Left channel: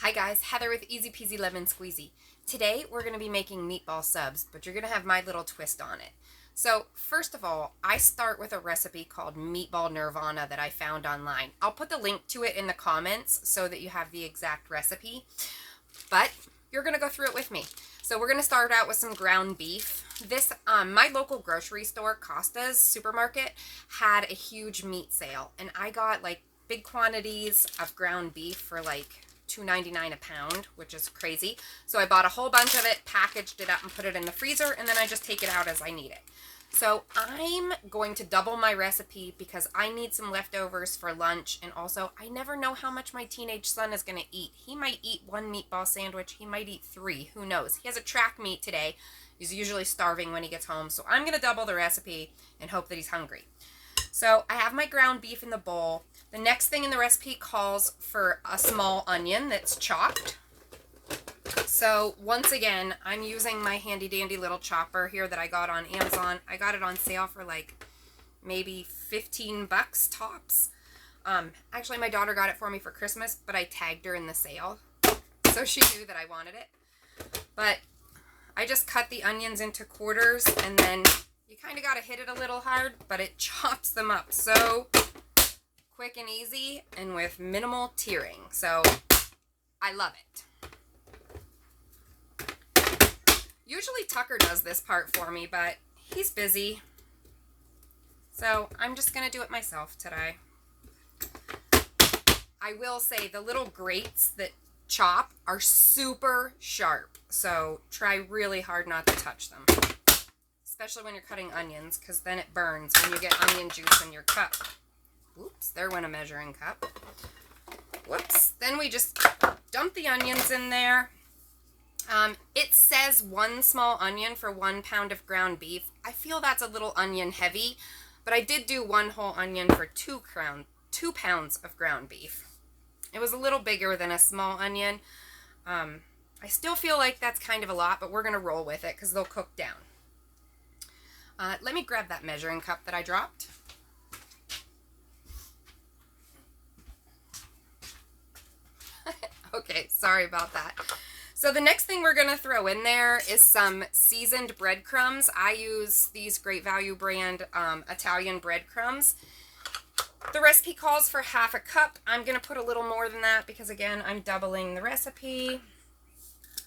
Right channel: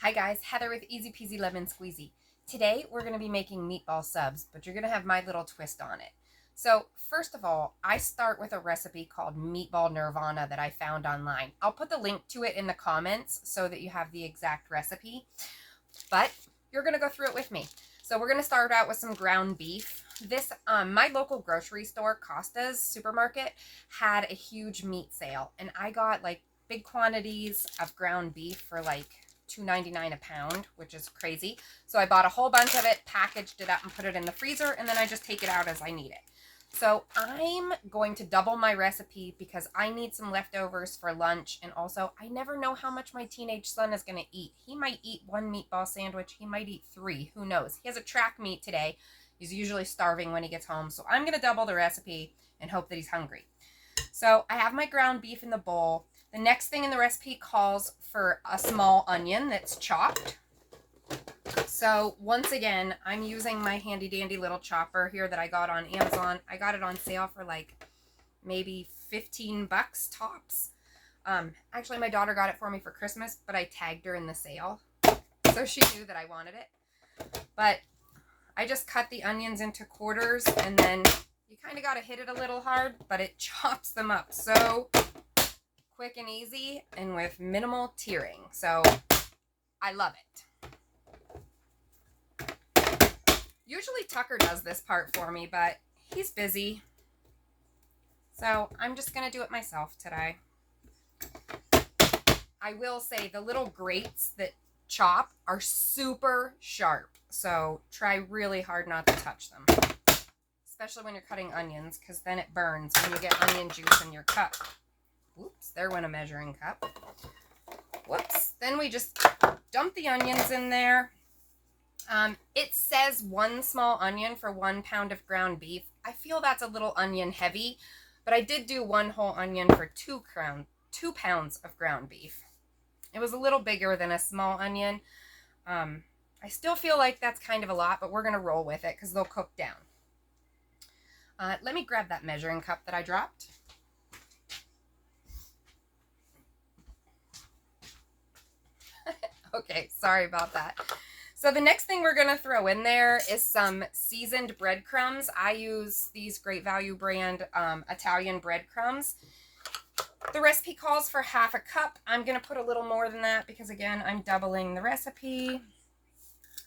Hi guys, Heather with Easy Peasy Lemon Squeezy. Today we're going to be making meatball subs, but you're going to have my little twist on it. So first of all, I start with a recipe called Meatball Nirvana that I found online. I'll put the link to it in the comments so that you have the exact recipe, but you're going to go through it with me. So we're going to start out with some ground beef. My local grocery store, Costa's Supermarket, had a huge meat sale, and I got like big quantities of ground beef for like $2.99 a pound, which is crazy. So I bought a whole bunch of it, packaged it up, and put it in the freezer, and then I just take it out as I need it. So I'm going to double my recipe because I need some leftovers for lunch, and also I never know how much my teenage son is going to eat. He might eat one meatball sandwich, he might eat three, who knows. He has a track meet today. He's usually starving when he gets home, so I'm going to double the recipe and hope that he's hungry. So I have my ground beef in the bowl. The next thing in the recipe calls for a small onion that's chopped. So once again, I'm using my handy dandy little chopper here that I got on Amazon. I got it on sale for like maybe 15 bucks tops. Actually, my daughter got it for me for Christmas, but I tagged her in the sale, so she knew that I wanted it. But I just cut the onions into quarters, and then you kind of got to hit it a little hard, but it chops them up so quick and easy and with minimal tearing. So I love it. Usually Tucker does this part for me, but he's busy. So I'm just going to do it myself today. I will say the little grates that chop are super sharp. So try really hard not to touch them. Especially when you're cutting onions, because then it burns when you get onion juice in your cup. Oops, there went a measuring cup. Whoops. Then we just dump the onions in there. It says 1 small onion for 1 pound of ground beef. I feel that's a little onion heavy, but I did do 1 whole onion for 2 pounds of ground beef. It was a little bigger than a small onion. I still feel like that's kind of a lot, but we're going to roll with it because they'll cook down. Let me grab that measuring cup that I dropped. Okay, sorry about that. So the next thing we're going to throw in there is some seasoned breadcrumbs. I use these Great Value brand Italian breadcrumbs. The recipe calls for half a cup. I'm going to put a little more than that because, again, I'm doubling the recipe.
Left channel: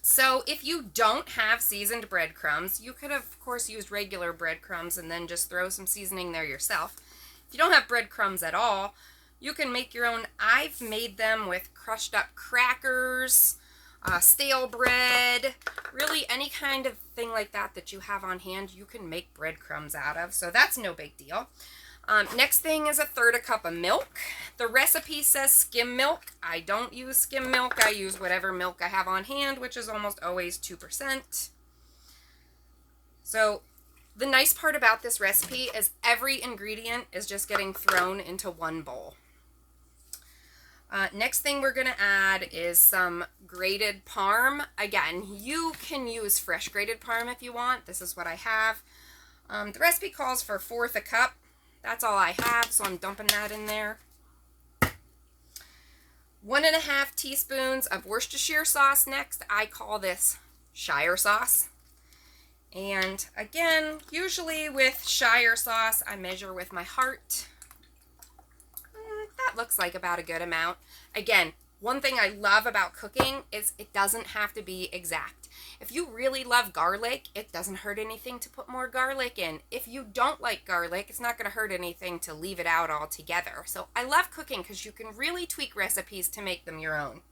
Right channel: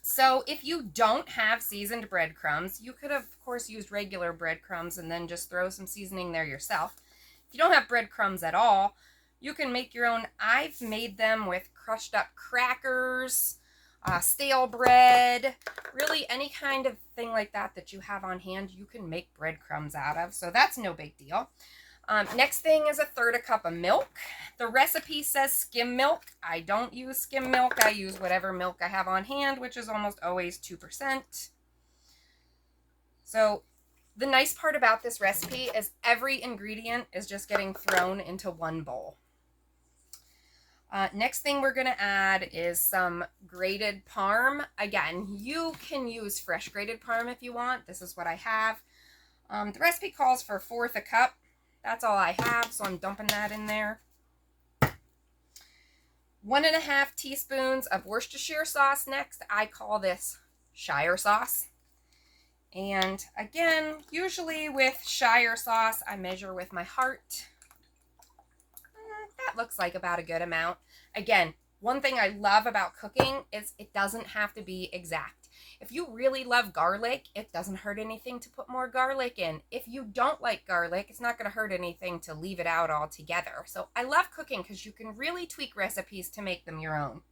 So if you don't have seasoned breadcrumbs, you could have, of course, used regular breadcrumbs and then just throw some seasoning there yourself. If you don't have breadcrumbs at all, you can make your own. I've made them with crushed up crackers, stale bread, really any kind of thing like that that you have on hand, you can make breadcrumbs out of. So that's no big deal. Next thing is 1/3 cup of milk. The recipe says skim milk. I don't use skim milk. I use whatever milk I have on hand, which is almost always 2%. So the nice part about this recipe is every ingredient is just getting thrown into one bowl. Next thing we're going to add is some grated parm. Again, you can use fresh grated parm if you want. This is what I have. The recipe calls for 1/4 cup. That's all I have, so I'm dumping that in there. 1.5 teaspoons of Worcestershire sauce next. I call this Shire sauce. And again, usually with Shire sauce, I measure with my heart. That looks like about a good amount. Again, one thing I love about cooking is it doesn't have to be exact. If you really love garlic, it doesn't hurt anything to put more garlic in. If you don't like garlic, it's not going to hurt anything to leave it out altogether. So I love cooking because you can really tweak recipes to make them your own.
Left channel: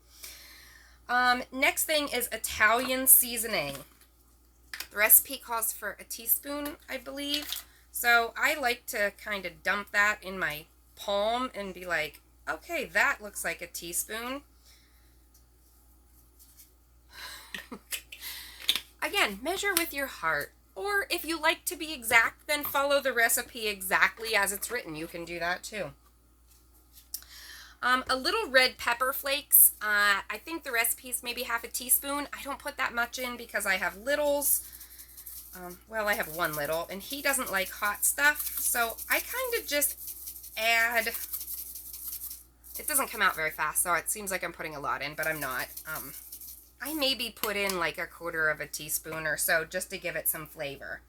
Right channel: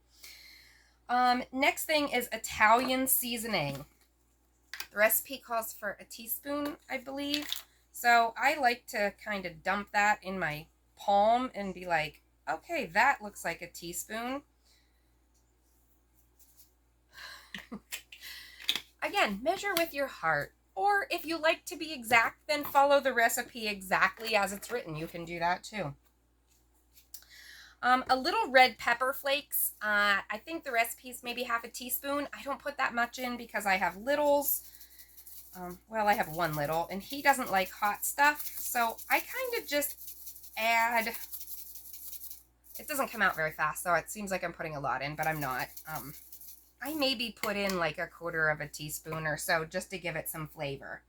Next thing is Italian seasoning. The recipe calls for a teaspoon, I believe. So I like to kind of dump that in my palm and be like, okay, that looks like a teaspoon. Again, measure with your heart. Or if you like to be exact, then follow the recipe exactly as it's written. You can do that too. A little red pepper flakes. I think the recipe's maybe 1/2 teaspoon. I don't put that much in because I have littles. Well, I have one little, and he doesn't like hot stuff. So I kind of just add It doesn't come out very fast, so it seems like I'm putting a lot in, but I'm not. I maybe put in like 1/4 of a teaspoon or so just to give it some flavor.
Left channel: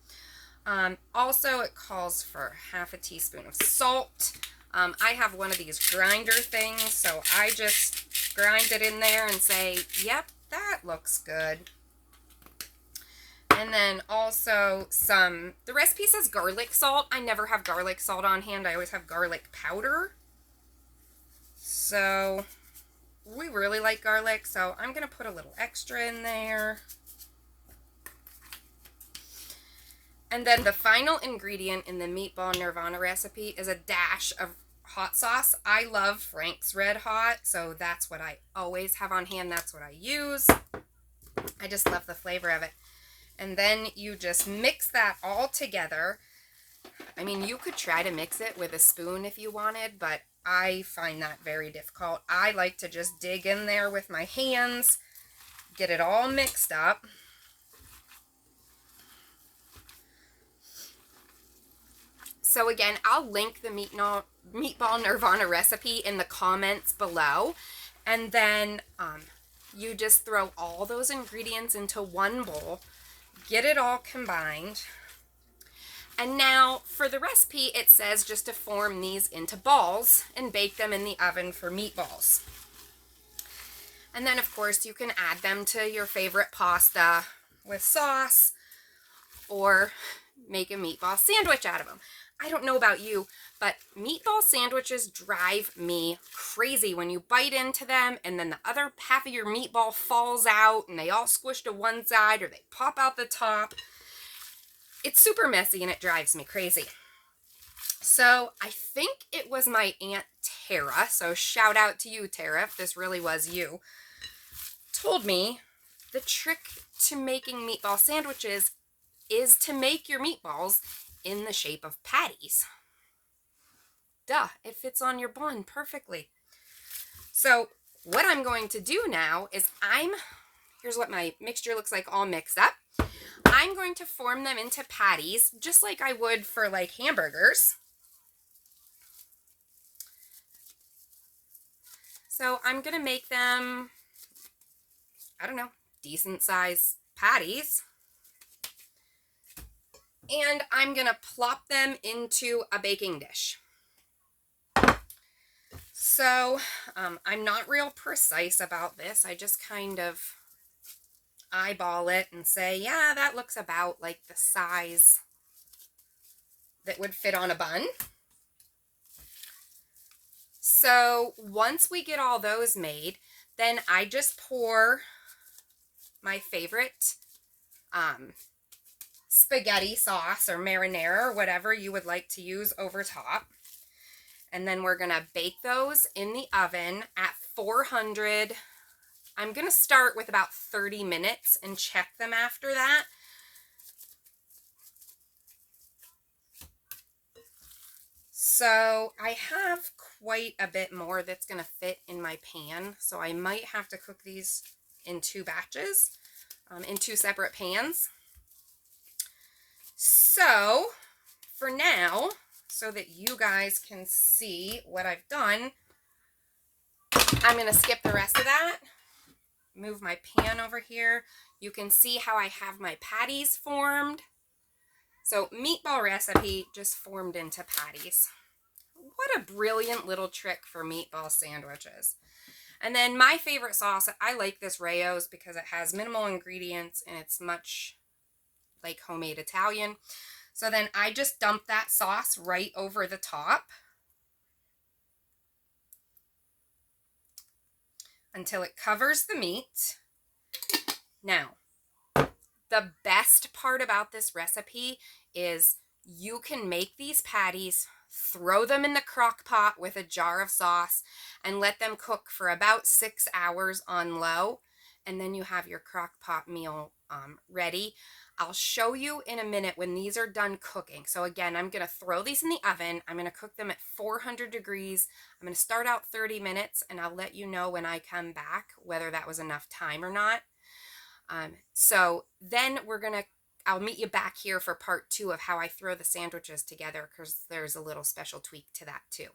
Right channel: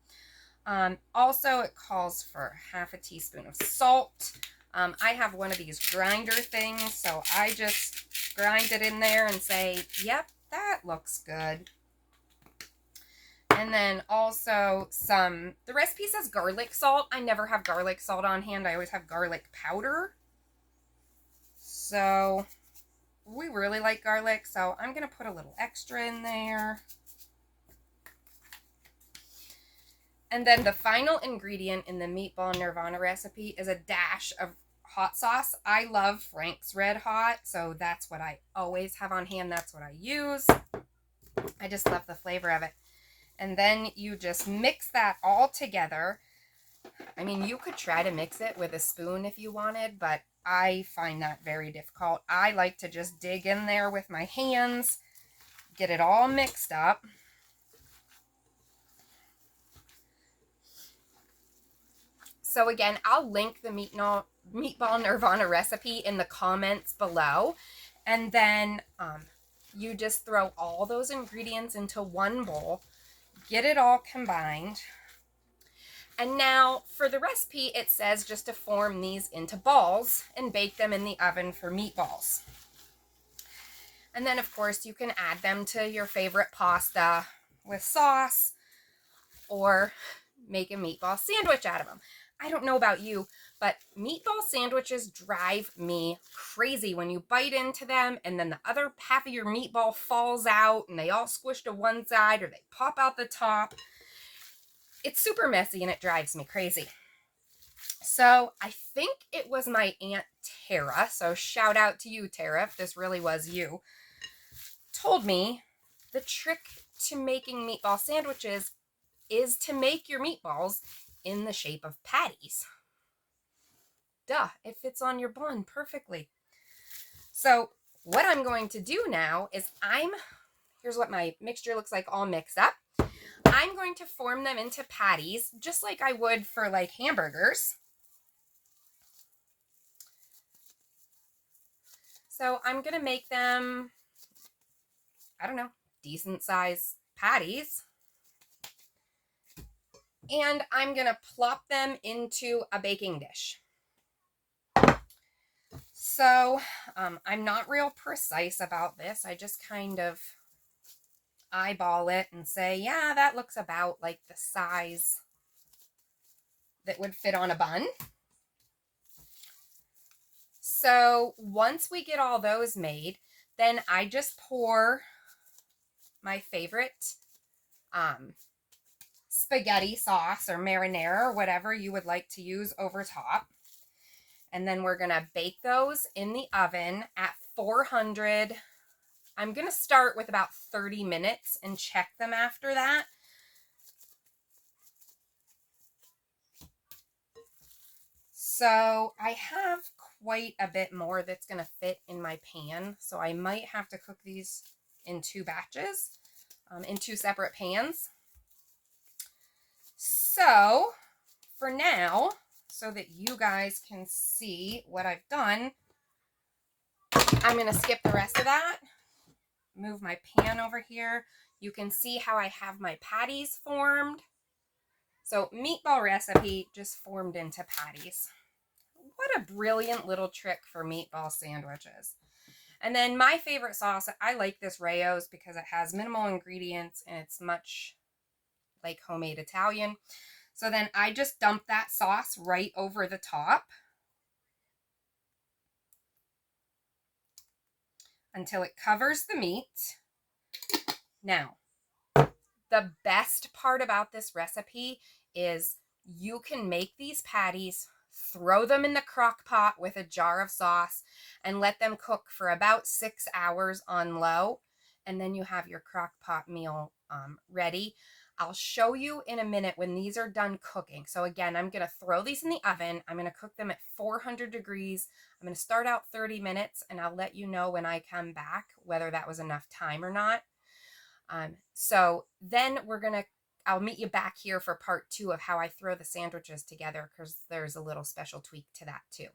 Also, it calls for 1/2 teaspoon of salt. I have one of these grinder things, so I just grind it in there and say, yep, that looks good. And then also the recipe says garlic salt. I never have garlic salt on hand. I always have garlic powder. So we really like garlic, so I'm going to put a little extra in there. And then the final ingredient in the Meatball Nirvana recipe is a dash of hot sauce. I love Frank's Red Hot, so that's what I always have on hand. That's what I use. I just love the flavor of it. And then you just mix that all together. I mean, you could try to mix it with a spoon if you wanted, but I find that very difficult. I like to just dig in there with my hands, get it all mixed up. So again, I'll link the Meatball Nirvana recipe in the comments below. And then you just throw all those ingredients into one bowl, get it all combined. And now for the recipe, it says just to form these into balls and bake them in the oven for meatballs. And then of course you can add them to your favorite pasta with sauce or make a meatball sandwich out of them. I don't know about you, but meatball sandwiches drive me crazy when you bite into them and then the other half of your meatball falls out and they all squish to one side or they pop out the top. It's super messy and it drives me crazy. So I think it was my Aunt Tara, so shout out to you, Tara, if this really was you, told me the trick to making meatball sandwiches is to make your meatballs in the shape of patties. Duh, it fits on your bun perfectly. So what I'm going to do now is here's what my mixture looks like all mixed up. I'm going to form them into patties just like I would for like hamburgers. So I'm going to make them, I don't know, decent size patties. And I'm going to plop them into a baking dish. So I'm not real precise about this. I just kind of eyeball it and say, yeah, that looks about like the size that would fit on a bun. So once we get all those made, then I just pour my favorite spaghetti sauce or marinara or whatever you would like to use over top. And then we're going to bake those in the oven at 400. I'm going to start with about 30 minutes and check them after that. So I have quite a bit more that's going to fit in my pan. So I might have to cook these in 2 batches, in 2 separate pans. So for now, so that you guys can see what I've done, I'm going to skip the rest of that, move my pan over here. You can see how I have my patties formed. So meatball recipe just formed into patties. What a brilliant little trick for meatball sandwiches. And then my favorite sauce, I like this Rayo's because it has minimal ingredients and it's much like homemade Italian. So then I just dump that sauce right over the top until it covers the meat. Now, the best part about this recipe is you can make these patties, throw them in the crock pot with a jar of sauce, and let them cook for about 6 hours on low. And then you have your crock pot meal ready. I'll show you in a minute when these are done cooking. So again, I'm going to throw these in the oven. I'm going to cook them at 400 degrees. I'm going to start out 30 minutes and I'll let you know when I come back whether that was enough time or not. So then I'll meet you back here for part 2 of how I throw the sandwiches together because there's a little special tweak to that too.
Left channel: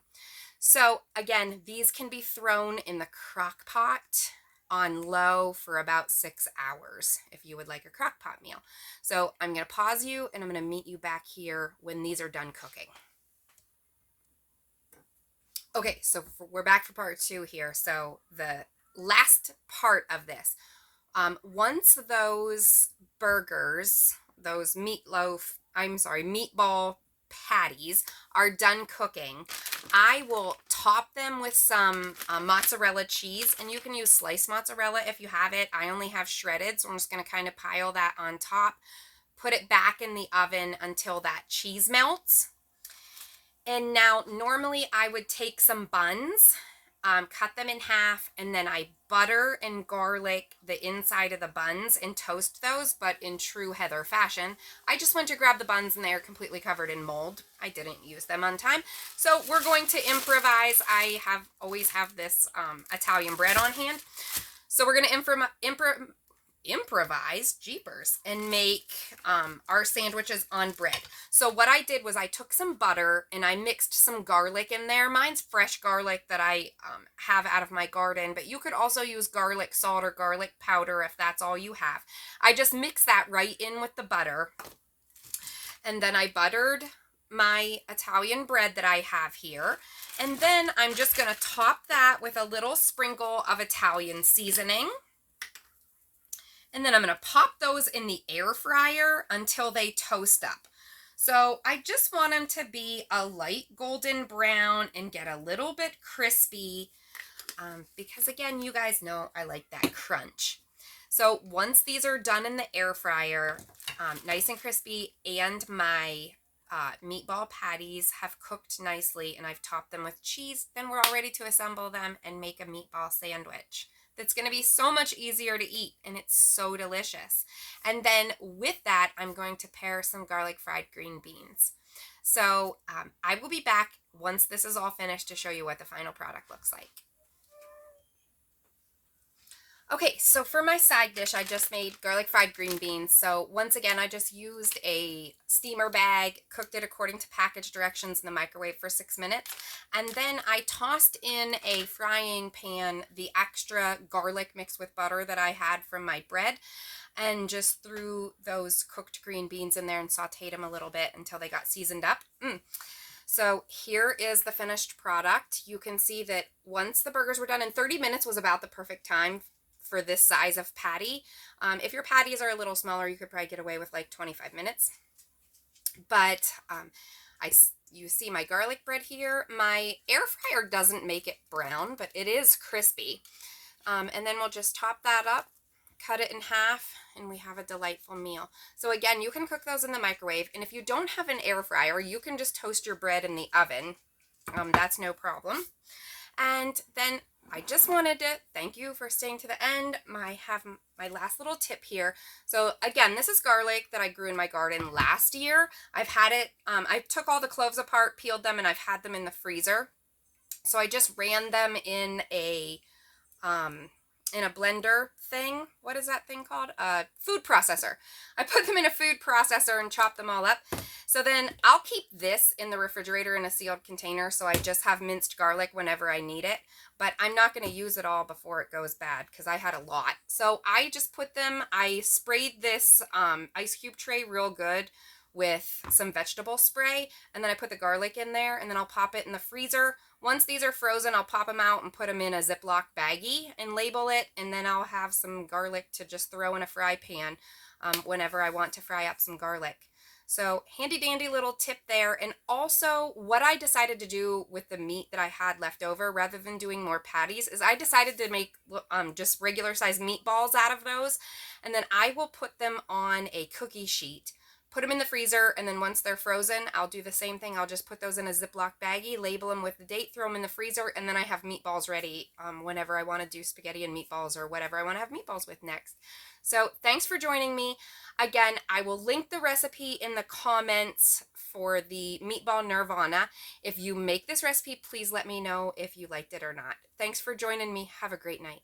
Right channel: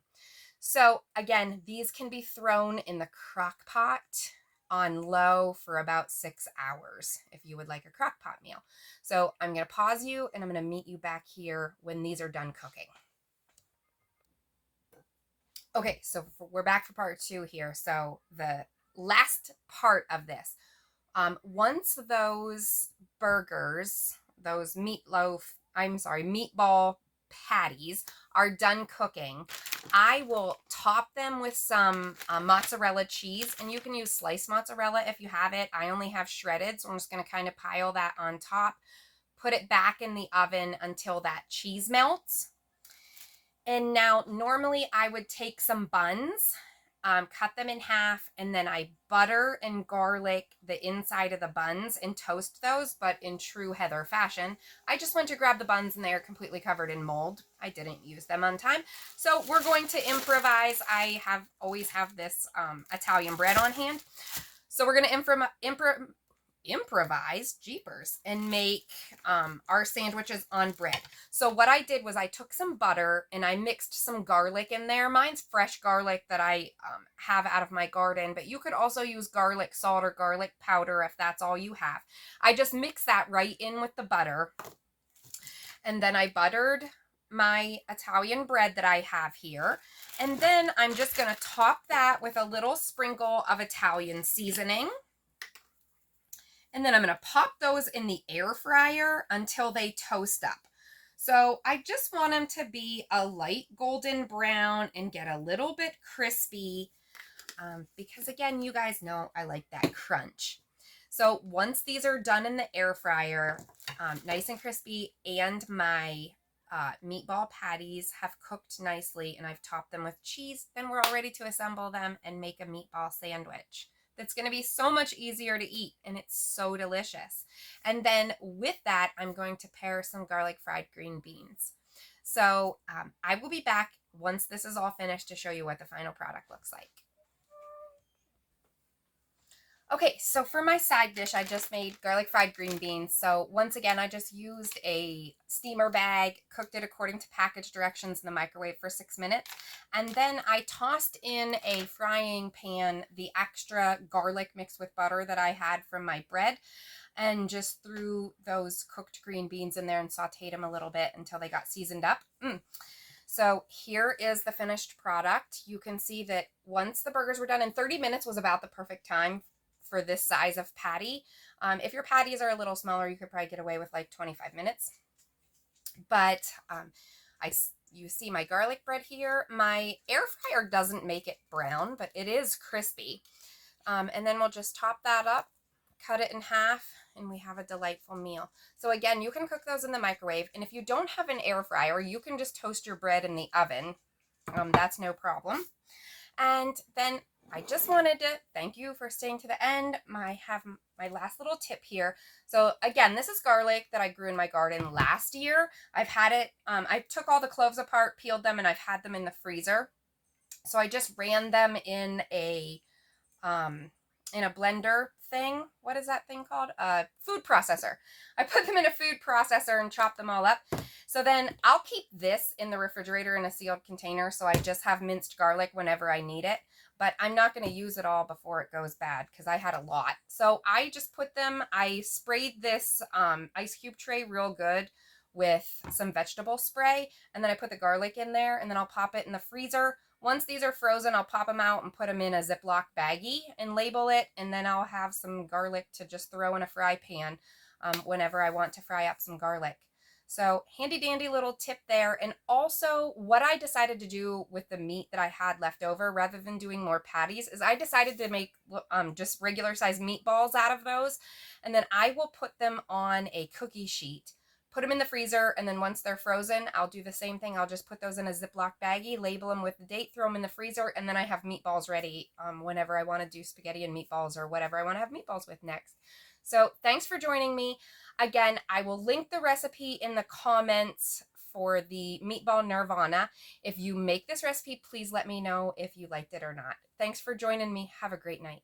So again, these can be thrown in the crock pot on low for about 6 hours if you would like a crock pot meal. So I'm going to pause you and I'm going to meet you back here when these are done cooking. Okay, so we're back for part 2 here. So the last part of this, once those burgers, those meatball patties are done cooking, I will top them with some mozzarella cheese, and you can use sliced mozzarella if you have it. I only have shredded, so I'm just going to kind of pile that on top, put it back in the oven until that cheese melts. And now normally I would take some buns, cut them in half, and then I butter and garlic the inside of the buns and toast those, but in true Heather fashion. I just went to grab the buns and they are completely covered in mold. I didn't use them on time. So we're going to improvise. I always have this Italian bread on hand. So we're going to improvise, jeepers, and make our sandwiches on bread. So what I did was I took some butter and I mixed some garlic in there. Mine's fresh garlic that I have out of my garden, but you could also use garlic salt or garlic powder if that's all you have. I just mixed that right in with the butter, and then I buttered my Italian bread that I have here, and then I'm just going to top that with a little sprinkle of Italian seasoning. And then I'm going to pop those in the air fryer until they toast up. So I just want them to be a light golden brown and get a little bit crispy because, again, you guys know I like that crunch. So once these are done in the air fryer, nice and crispy, and my meatball patties have cooked nicely and I've topped them with cheese, then we're all ready to assemble them and make a meatball sandwich. That's going to be so much easier to eat, and it's so delicious. And then with that, I'm going to pair some garlic fried green beans. So I will be back once this is all finished to show you what the final product looks like. Okay, so for my side dish, I just made garlic fried green beans. So once again, I just used a steamer bag, cooked it according to package directions in the microwave for 6 minutes. And then I tossed in a frying pan the extra garlic mixed with butter that I had from my bread, and just threw those cooked green beans in there and sauteed them a little bit until they got seasoned up. So here is the finished product. You can see that once the burgers were done, and 30 minutes was about the perfect time for this size of patty. If your patties are a little smaller, you could probably get away with like 25 minutes. But you see my garlic bread here. My air fryer doesn't make it brown, but it is crispy. And then we'll just top that up, cut it in half, and we have a delightful meal. So again, you can cook those in the microwave. And if you don't have an air fryer, you can just toast your bread in the oven. That's no problem. And then I just wanted to thank you for staying to the end. I have my last little tip here. So again, this is garlic that I grew in my garden last year. I've had it, I took all the cloves apart, peeled them, and I've had them in the freezer. So I just ran them in a blender thing. What is that thing called? A food processor. I put them in a food processor and chopped them all up. So then I'll keep this in the refrigerator in a sealed container, so I just have minced garlic whenever I need it. But I'm not going to use it all before it goes bad because I had a lot. So I just put them, I sprayed this ice cube tray real good with some vegetable spray, and then I put the garlic in there, and then I'll pop it in the freezer. Once these are frozen, I'll pop them out and put them in a Ziploc baggie and label it, and then I'll have some garlic to just throw in a fry pan whenever I want to fry up some garlic. So handy dandy little tip there. And also what I decided to do with the meat that I had left over, rather than doing more patties, is I decided to make just regular size meatballs out of those. And then I will put them on a cookie sheet, put them in the freezer, and then once they're frozen, I'll do the same thing. I'll just put those in a Ziploc baggie, label them with the date, throw them in the freezer, and then I have meatballs ready whenever I want to do spaghetti and meatballs or whatever I want to have meatballs with next. So thanks for joining me. Again, I will link the recipe in the comments for the meatball nirvana. If you make this recipe, please let me know if you liked it or not. Thanks for joining me. Have a great night.